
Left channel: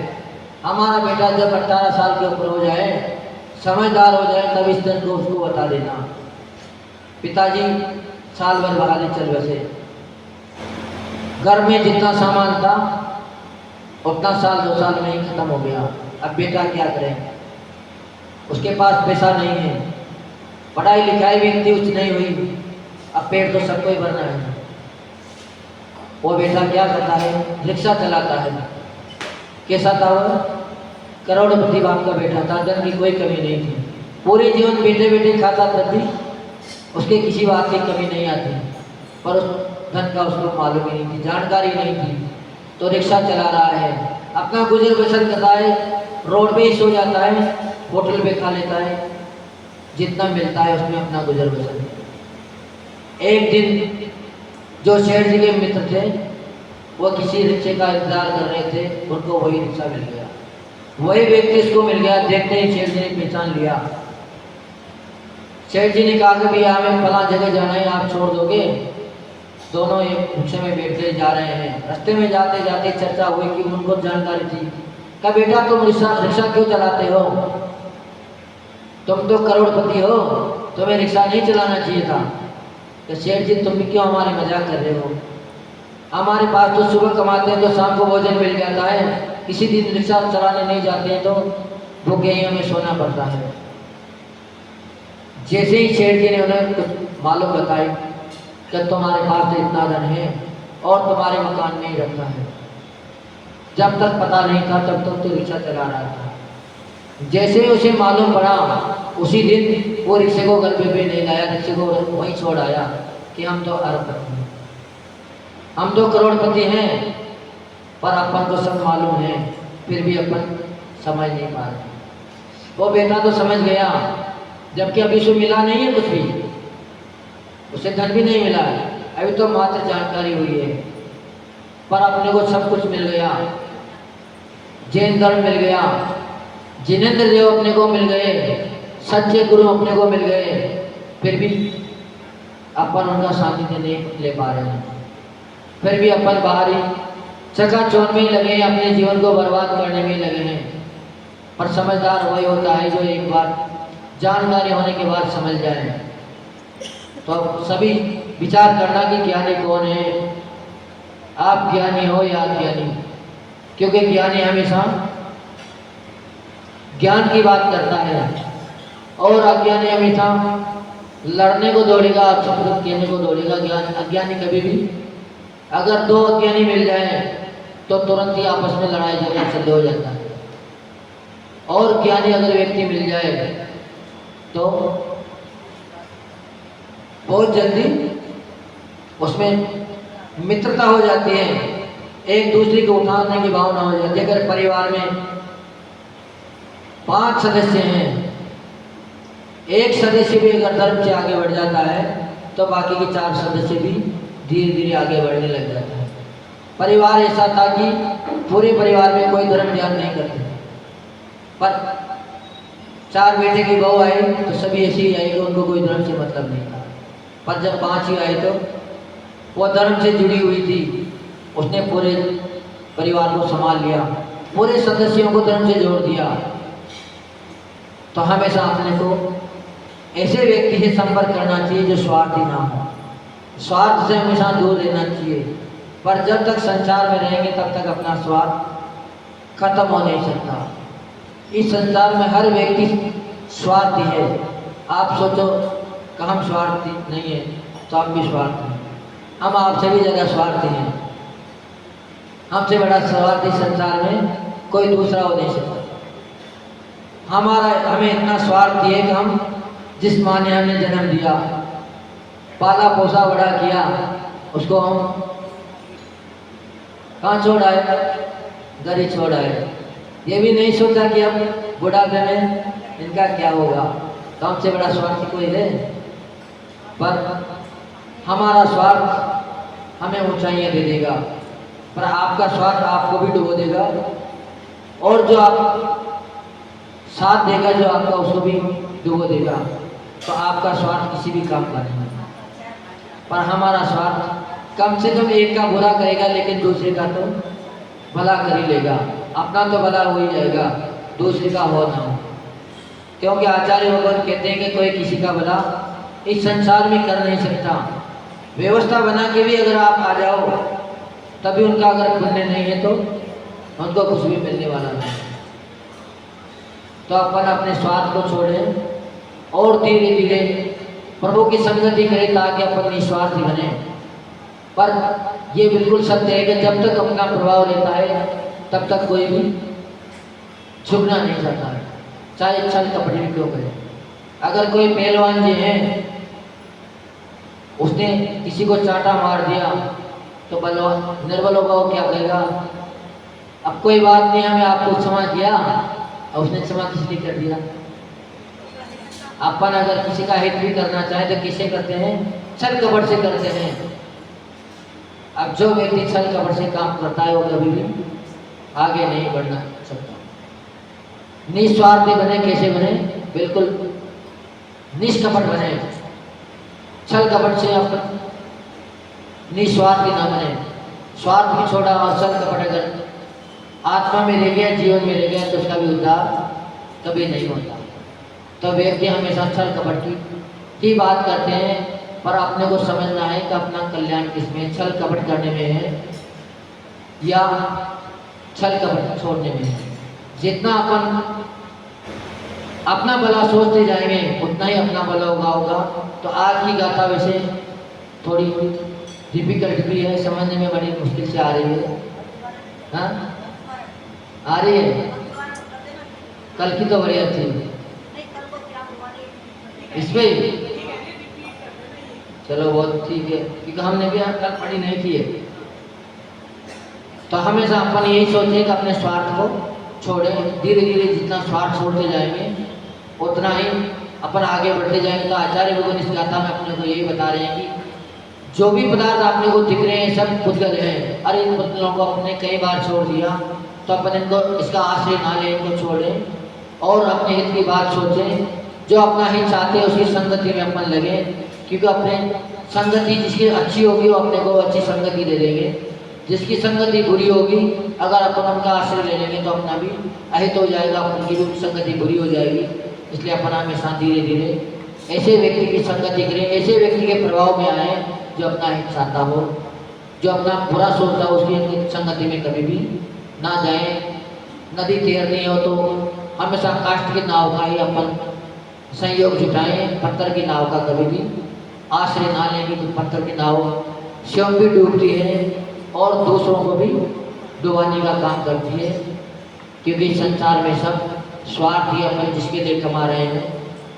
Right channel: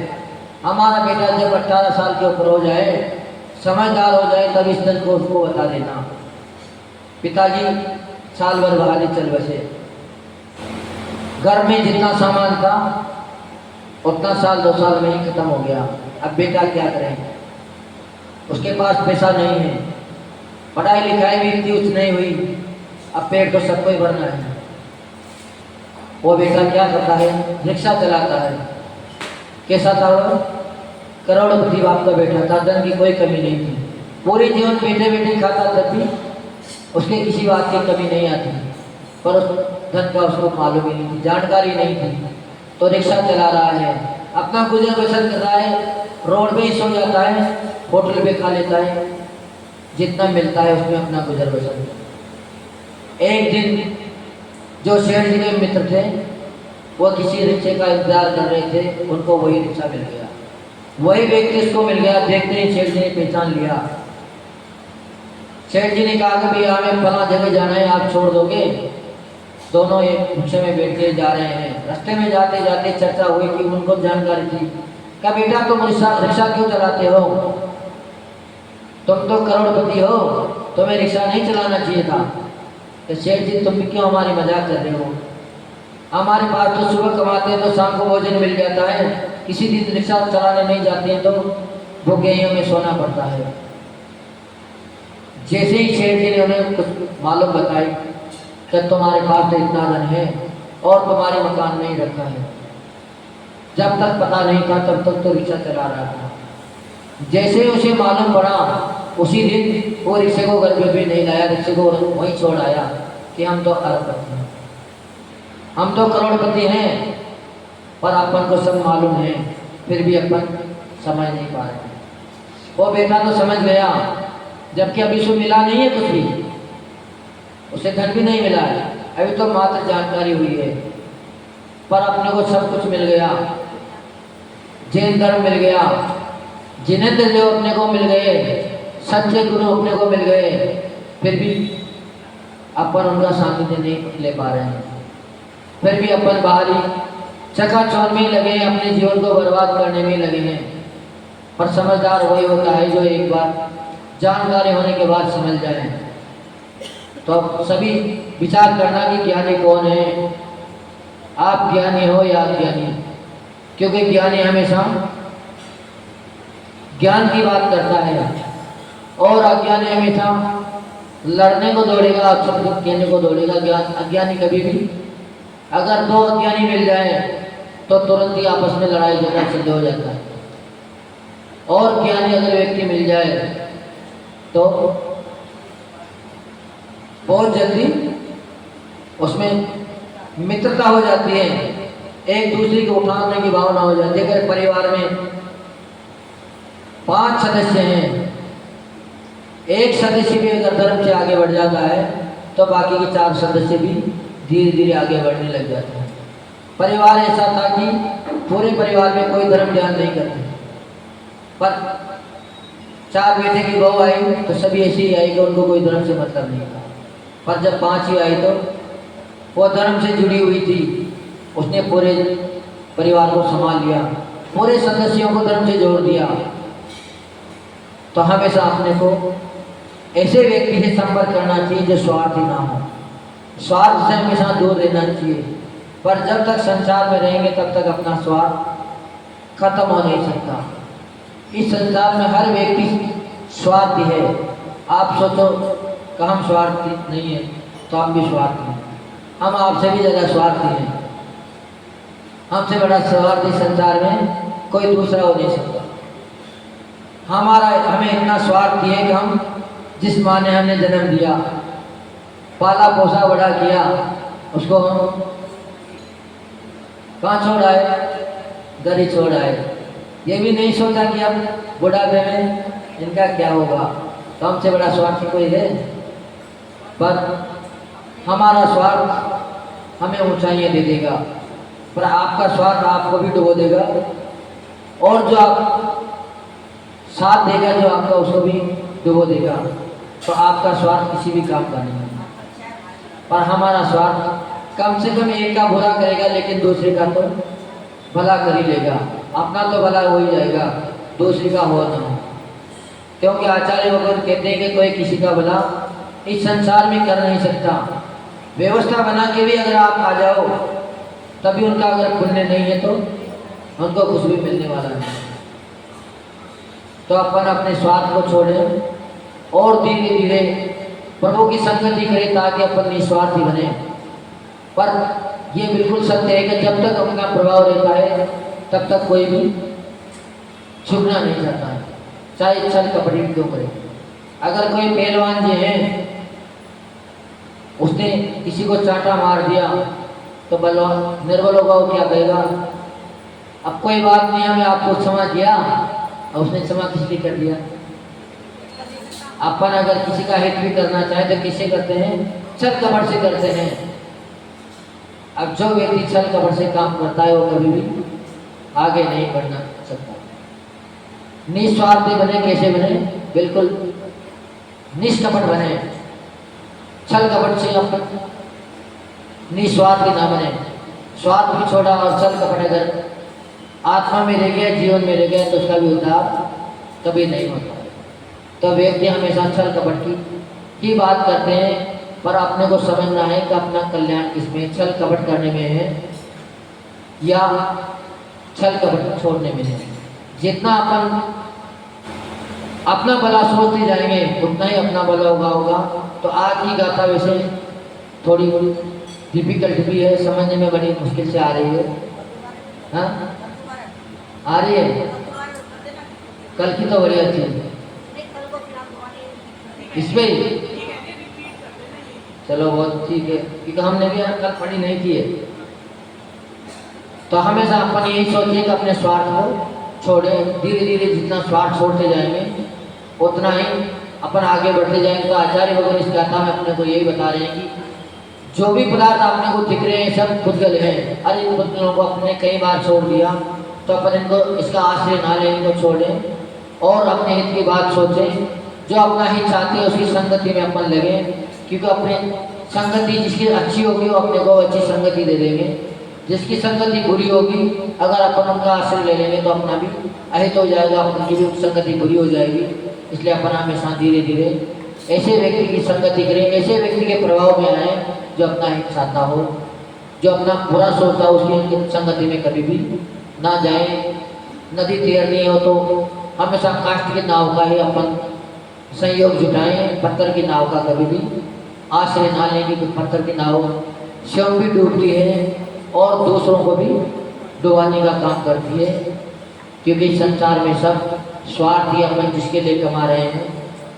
हमारा बेटा जब 18 साल के ऊपर हो जाए, समझदार हो जाए, तब इस धन को उसको बता देना। पिताजी साल भर बाहर चल बसे। घर में जितना सामान था उतना साल 2 साल में ही खत्म हो गया। अब बेटा क्या करें? उसके पास पैसा नहीं है, पढ़ाई लिखाई भी इतनी उच्च नहीं हुई, अब पेट तो सबको ही भरना है। वो बेटा क्या करता है? रिक्शा चलाता है। कैसा था वो? करोड़पति बाप का बेटा था, धन की कोई कमी नहीं थी, पूरे जीवन बैठे बैठे खाता, तब भी उसके किसी बात की कमी नहीं आती। पर उस धन का उसको मालूम ही नहीं थी, जानकारी नहीं थी। तो रिक्शा चला रहा है, अपना गुजर बसर कर रहा है, रोड पे ही सो जाता है, होटल पे खा लेता है, जितना मिलता है उसमें अपना गुजर बसर। एक दिन जो सेठ जी के मित्र थे वो किसी रिक्शे का इंतजार कर रहे थे, उनको वही रिक्शा मिल गया, वही व्यक्ति इसको मिल गया। देखते ही सेठ जी ने पहचान लिया। सेठ जी ने कहा कि भैया हमें फला जगह जाना है, आप छोड़ दोगे? दोनों एक रिक्शे में बैठे जा रहे हैं। रास्ते में जाते जाते चर्चा हुई कि उनको जानकारी थी। क्या बेटा तुम रिक्शा क्यों चलाते हो? तुम तो करोड़पति हो, तुम्हें रिक्शा नहीं चलाना चाहिए था। कि सेठ जी तुम क्यों हमारी मजाक कर रहे हो? हमारे पास तो सुबह कमाते हैं तो शाम को भोजन मिल जाता है, किसी दिन रिक्शा चलाने नहीं जाते हैं तो भूखे ही हमें सोना पड़ता है। जैसे ही सेठ जी ने उन्हें कुछ मालूम बताई कि तुम्हारे पास तो इतना धन है और तुम्हारे मकान नहीं रखा है। जब तक पता नहीं था तब तक तो रिक्शा चला रहा था। जैसे उसे मालूम पड़ा उसी दिन वो रिक्शे को घर पे नहीं लाया, रिक्शे को वहीं छोड़ आया कि हम तो अरबपति हैं, हम तो करोड़पति हैं, पर अपन को सब मालूम है, फिर भी अपन समझ नहीं पा रहे। वो बेटा तो समझ गया, जबकि अभी उसे मिला नहीं है कुछ भी, उसे धन भी नहीं मिला है, अभी तो मात्र जानकारी हुई है। पर अपने को सब कुछ मिल गया, जैन धर्म मिल गया, जिनेंद्र देव अपने को मिल गए, सच्चे गुरु अपने को मिल गए, फिर भी अपन उनका सानिध्य नहीं ले पा रहे हैं। फिर भी अपन बाहरी चकाचौंध में ही लगे हैं, अपने जीवन को बर्बाद करने में लगे हैं। पर समझदार वही होता है जो एक बार जानकारी होने के बाद समझ जाए। तो सभी विचार करना कि ज्ञानी कौन है, आप ज्ञानी हो या अज्ञानी, क्योंकि ज्ञानी हमेशा ज्ञान की बात करता है और अज्ञानी हमेशा लड़ने को दौड़ेगा, सब कुछ कहने को दौड़ेगा। ज्ञान अज्ञानी कभी भी अगर दो अज्ञानी मिल जाए तो तुरंत ही आपस में लड़ाई झगड़ा शुरू हो जाता है, और ज्ञानी अगर व्यक्ति मिल जाए तो बहुत जल्दी उसमें मित्रता हो जाती है, एक दूसरे को उठाने की भावना हो जाती है। अगर परिवार में 5 सदस्य हैं, एक सदस्य भी अगर धर्म से आगे बढ़ जाता है तो बाकी के 4 सदस्य भी धीरे धीरे आगे बढ़ने लग जाता है। परिवार ऐसा था कि पूरे परिवार में कोई धर्म ध्यान नहीं करते, पर 4 बेटे की बहू आई तो सभी ऐसी ही आई कि उनको कोई धर्म से मतलब नहीं था। पर जब 5वीं आई तो वो धर्म से जुड़ी हुई थी, उसने पूरे परिवार को संभाल लिया, पूरे सदस्यों को धर्म से जोड़ दिया। तो हमेशा अपने को ऐसे व्यक्ति से संपर्क करना चाहिए जो स्वार्थी ना हो, स्वार्थ से हमेशा दूर रहना चाहिए। पर जब तक संसार में रहेंगे तब तक अपना स्वार्थ खत्म हो नहीं सकता। इस संसार में हर व्यक्ति स्वार्थी है। आप सोचो कि हम स्वार्थी नहीं है तो हम भी स्वार्थी हैं, हम आपसे भी ज़्यादा स्वार्थी हैं। हमसे बड़ा स्वार्थी संसार में कोई दूसरा हो नहीं सकता। हमें इतना स्वार्थी है कि हम जिस माँ ने हमें जन्म दिया, पाला पोसा बड़ा किया, उसको हम कहाँ छोड़ आए? घर ही छोड़ आए। ये भी नहीं सोचा कि अब बुढ़ापे में इनका क्या होगा। तो हमसे बड़ा स्वार्थी कोई है? पर हमारा स्वार्थ हमें ऊंचाइयाँ दे देगा, पर आपका स्वार्थ आपको भी डुबो देगा, और जो आप साथ देगा जो आपका उसको भी डुबो देगा। तो आपका स्वार्थ किसी भी काम का नहीं है। पर हमारा स्वार्थ कम से कम एक का बुरा करेगा लेकिन दूसरे का तो भला कर ही लेगा। अपना तो भला हो ही जाएगा, दूसरे का हो ना हो। क्योंकि आचार्य वगैरह कहते हैं कि कोई किसी का भला इस संसार में कर नहीं सकता। व्यवस्था बना के भी अगर आप आ जाओ तभी उनका अगर पुण्य नहीं है तो उनको कुछ भी मिलने वाला नहीं। तो अपन अपने स्वार्थ को छोड़ें और धीरे धीरे प्रभु की संगति करें ताकि अपन निस्वार्थी बने। पर यह बिल्कुल सत्य है कि जब तक अपना प्रभाव रहता है तब तक कोई भी झुकना नहीं चाहता है, चाहे छल कपट भी क्यों करे। अगर कोई पहलवान जी है, उसने किसी को चांटा मार दिया तो बलवान निर्बल होगा, वो क्या कहेगा? अब कोई बात नहीं, हमें आपको क्षमा किया, और उसने क्षमा किसने कर दिया? अपन अगर किसी का हित भी करना चाहे तो किसे करते हैं? छल कपट से करते हैं। अब जो व्यक्ति छल कपट से काम करता है वो कभी भी आगे नहीं बढ़ना सकता। निस्वार्थी बने, कैसे बने? बिल्कुल निष्कपट बने। छल कपट से अपन निस्वार्थी ना बने। स्वार्थ भी छोड़ा और छल कपट अगर आत्मा में रह गया, जीवन में रह गया तो उसका भी उद्धार कभी नहीं होता। तो व्यक्ति हमेशा छल कपट की बात करते हैं, पर अपने को समझना है कि अपना कल्याण किसमें, छल कपट करने में है या छल कपट छोड़ने में है। जितना अपन अपना भला सोचते जाएंगे उतना ही अपना भला होगा। तो आज की गाथा वैसे थोड़ी डिफिकल्ट भी है, समझने में बड़ी मुश्किल से आ रही है। हाँ, आ रही है। कल की तो बड़ी अच्छी है। इसमें चलो बहुत ठीक है, क्योंकि हमने भी कल पढ़ी नहीं की है। तो हमेशा अपन यही सोचें कि अपने स्वार्थ को छोड़ें। धीरे धीरे जितना स्वार्थ छोड़ते जाएंगे उतना ही अपन आगे बढ़ते जाएंगे। तो आचार्य भगवान इस गाथा में अपने को यही बता रहे हैं कि जो भी पदार्थ अपने को दिख रहे हैं सब पुद्गल हैं। अरे इन पुद्गलों को अपने कई बार छोड़ दिया, तो अपन इनको इसका आश्रय ना लें, इनको छोड़ें और अपने हित की बात सोचें। जो अपना हित चाहते हैं उसकी संगति में अपन लगे, क्योंकि अपने संगति जिसकी अच्छी होगी वो अपने को अच्छी संगति दे देंगे। जिसकी संगति बुरी होगी अगर अपन उनका आश्रय ले लेंगे तो अपना भी अहित हो जाएगा, अपन की भी संगति बुरी हो जाएगी। इसलिए अपन हमेशा धीरे धीरे ऐसे व्यक्ति की संगति करें, ऐसे व्यक्ति के प्रभाव में आए जो अपना हित चाहता हो, जो अपना बुरा सोचता हो उसकी संगति में कभी भी ना जाए। नदी तैरनी हो तो हमेशा काष्ठ की नाव का ही अपन सहयोग जुटाएं, पत्थर की नाव का कभी भी आश्रय ना लें, कि पत्थर की नाव स्वयं भी डूबती है और दूसरों को भी डुबाने का काम करती है, क्योंकि संसार में सब स्वार्थी अपन जिसके लिए कमा रहे हैं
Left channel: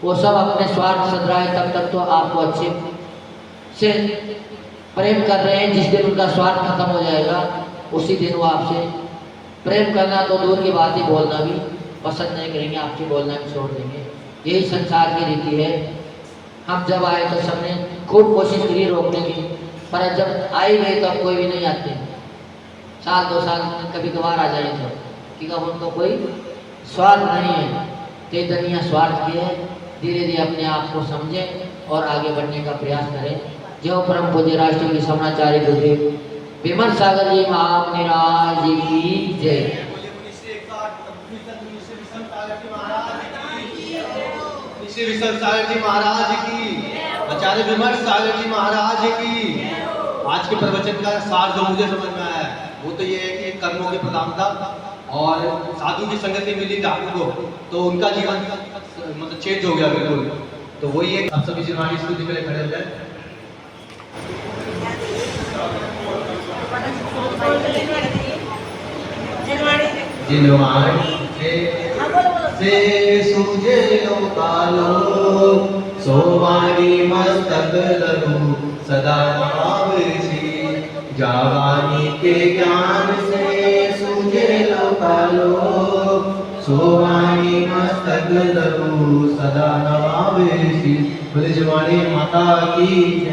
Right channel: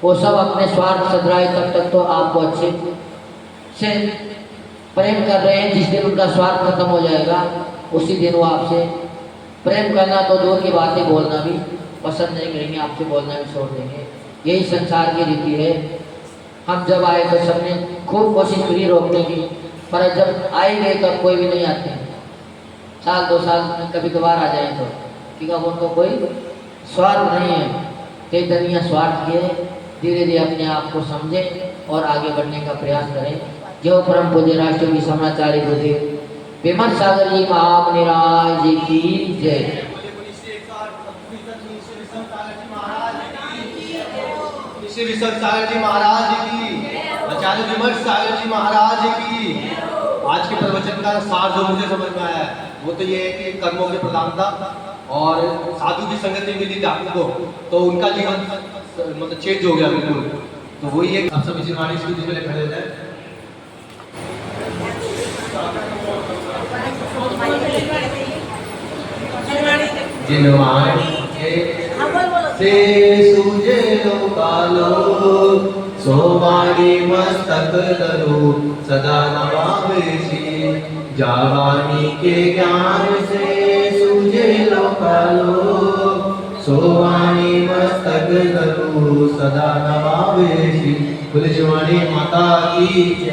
वो सब अपने स्वार्थ सदराए तब तक तो आपको अच्छे से प्रेम कर रहे हैं। जिस दिन उनका स्वार्थ खत्म हो जाएगा उसी दिन वो आपसे प्रेम करना तो दूर की बातें बोलना भी पसंद नहीं करेंगे, आपसे बोलना भी छोड़ देंगे। यही संसार की रीति है। हम जब आए तो सबने खूब कोशिश करी रोकने की, पर जब आए गए तो अब कोई भी नहीं आते। साल 2 साल कभी कभार आ जाए तो, क्योंकि अब उनको कोई स्वार्थ नहीं है। कई दुनिया स्वार्थ की है। धीरे धीरे अपने आप को समझें और आगे बढ़ने का प्रयास करें। जो परम पूज्य राष्ट्रपति समनाचार्य गुरुदेव विमल सागर जी महामनिराज जी की जय। श्री विशल सागर जी महाराज की, आचार्य विमल सागर जी महाराज की। आज के प्रवचन का सार जो मुझे समझ में आया है वो तो ये है कि कर्मों की प्रधानता और साधु की संगति मिली डाकू को, तो उनका जीवन मतलब चेंज हो गया बिल्कुल। तो वही है। आप सभी जिनवाणी स्तुति के लिए खड़े हो जाए। जिनवाणी से सूझे लोकालो, सोवाणी मस्तक धरो सदा नमावेशी। जावानी के ज्ञान से सूझे लोकालो, सोवाणी मस्तक धरो सदा नमावेशी। बोले जिनवाणी माता की।